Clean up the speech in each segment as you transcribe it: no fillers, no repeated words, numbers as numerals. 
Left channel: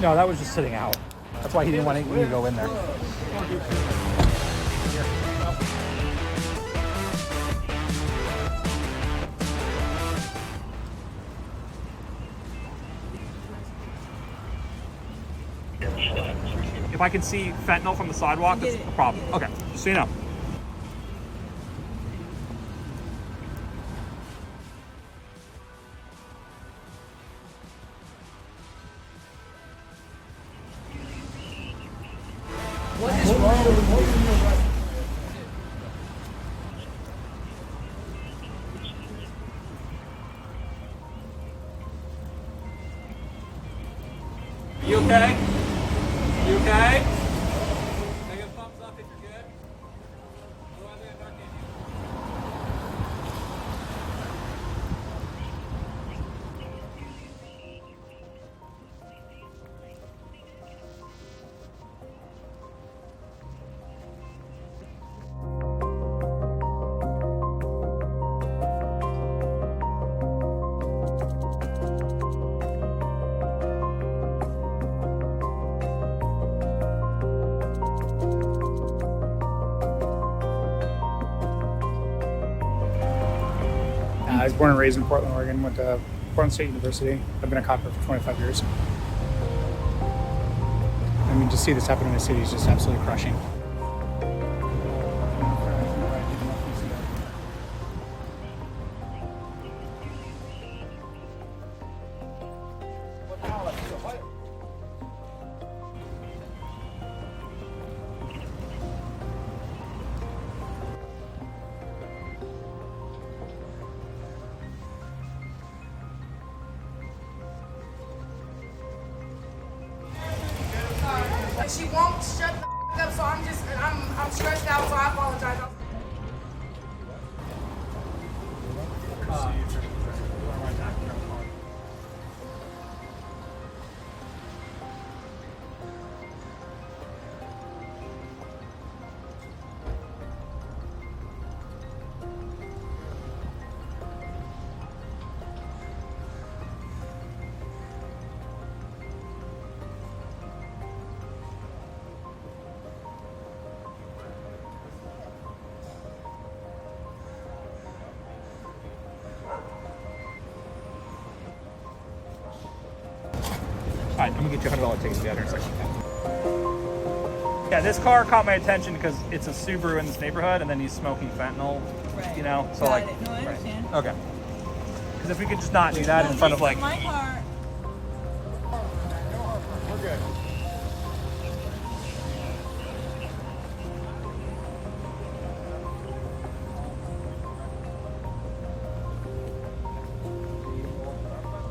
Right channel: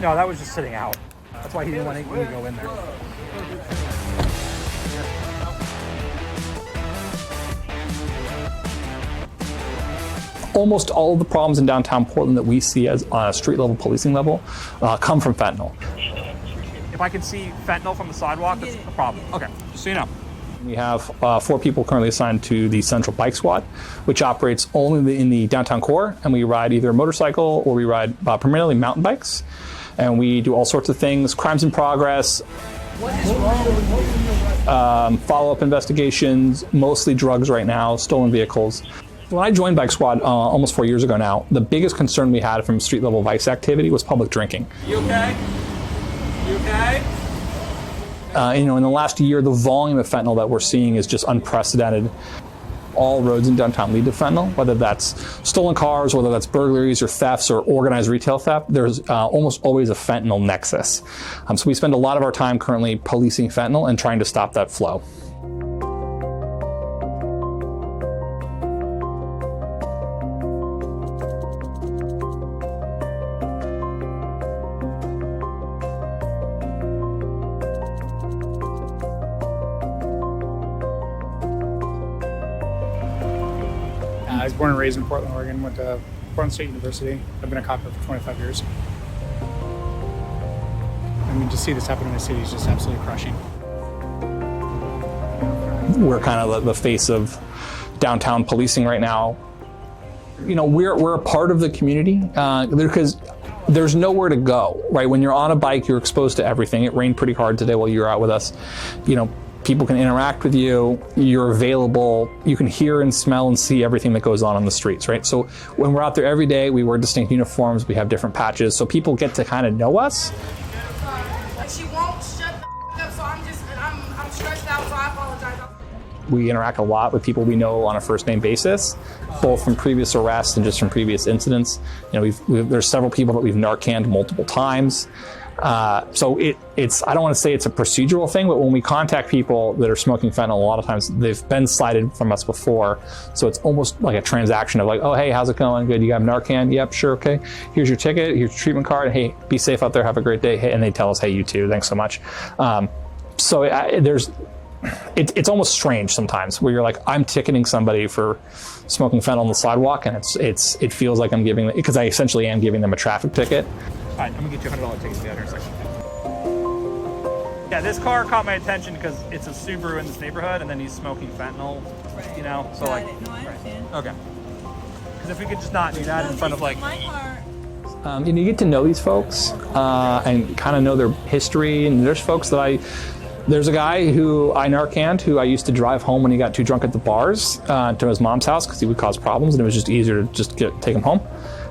No, that was just sitting out. That's why he didn't want me to go in there. Almost all of the problems in downtown Portland that we see as on a street level policing level come from fentanyl. If I can see fentanyl from the sidewalk, that's a problem. Okay, just so you know. We have 4 people currently assigned to the Central Bike Squad, which operates only in the downtown core, and we ride either a motorcycle or we ride primarily mountain bikes. And we do all sorts of things, crimes in progress, follow-up investigations, mostly drugs right now, stolen vehicles. When I joined Bike Squad almost 4 years ago now, the biggest concern we had from street-level vice activity was public drinking. You okay? You okay? In the last year, the volume of fentanyl that we're seeing is just unprecedented. All roads in downtown lead to fentanyl, whether that's stolen cars, whether that's burglaries or thefts or organized retail theft. There's almost always a fentanyl nexus. So we spend a lot of our time currently policing fentanyl and trying to stop that flow. I was born and raised in Portland, Oregon, went to Portland State University. I've been a cop for 25 years. I mean, to see this happen in the city is just absolutely crushing. We're kind of the face of downtown policing right now. We're a part of the community because there's nowhere to go, right? When you're on a bike, you're exposed to everything. It rained pretty hard today while you were out with us. People can interact with you, you're available, you can hear and smell and see everything that goes on the streets, right? So when we're out there every day, we wear distinct uniforms, we have different patches, so people get to kind of know us. She won't shut the up, so I'm stressed out, so I apologize. We interact a lot with people we know on a first-name basis, both from previous arrests and just from previous incidents. There's several people that we've Narcaned multiple times. So it's I don't want to say it's a procedural thing, but when we contact people that are smoking fentanyl, a lot of times they've been cited from us before. So it's almost like a transaction of like, oh, hey, how's it going? Good, you got Narcan? Yep, sure, okay. Here's your ticket, here's your treatment card. Hey, be safe out there, have a great day. Hey, and they tell us, hey, you too, thanks so much. It's almost strange sometimes where you're like, I'm ticketing somebody for smoking fentanyl on the sidewalk, and it feels like I'm giving, because I essentially am giving them a traffic ticket. All right, I'm gonna get you a $100 ticket to the other intersection. Yeah, this car caught my attention because it's a Subaru in this neighborhood, and then he's smoking fentanyl. Right. So Got like. it. No, I understand. Okay. Because if we could just not do that in front of like. My car. You get to know these folks and kind of know their history, and there's folks that there's a guy who I Narcaned who I used to drive home when he got too drunk at the bars to his mom's house because he would cause problems, and it was just easier to just take him home.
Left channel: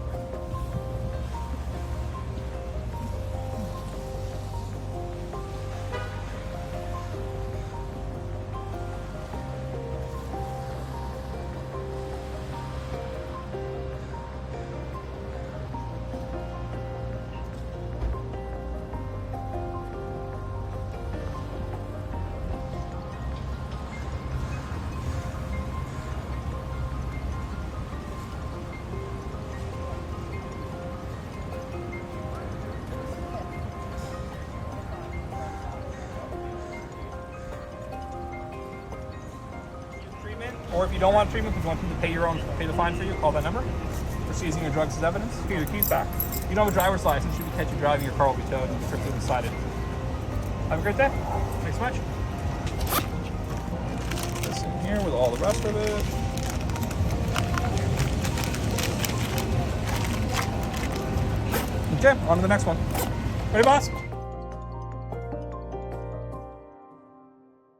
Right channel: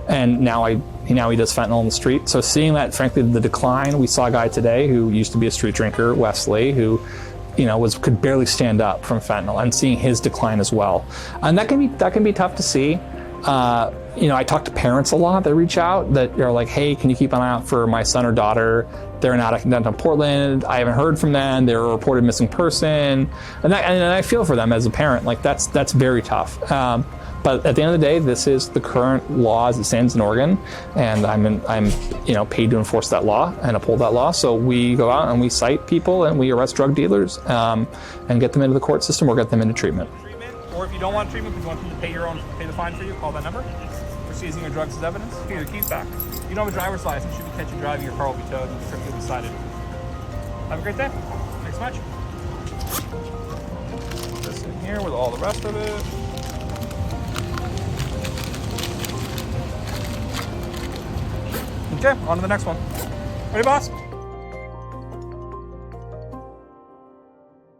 And now he does fentanyl on the street. So seeing that, frankly, the decline, we saw a guy today who used to be a street drinker, Wesley, who could barely stand up from fentanyl, and seeing his decline as well. And that can be tough to see. I talk to parents a lot that reach out that are like, hey, can you keep an eye out for my son or daughter? They're in downtown Portland. I haven't heard from them. They're a reported missing person. And I feel for them as a parent. Like that's very tough. But at the end of the day, this is the current law as it stands in Oregon, and I'm paid to enforce that law and uphold that law. So we go out and we cite people and we arrest drug dealers and get them into the court system or get them into treatment. Or if you don't want treatment, if you want them to pay the fine for you, call that number. For seizing your drugs as evidence, get your keys back. If you don't have a driver's license, you can catch you driving, your car will be towed and strictly be cited. Have a great day. Thanks so much. Put this in here with all the rest of it. Okay, on to the next one. Ready, boss?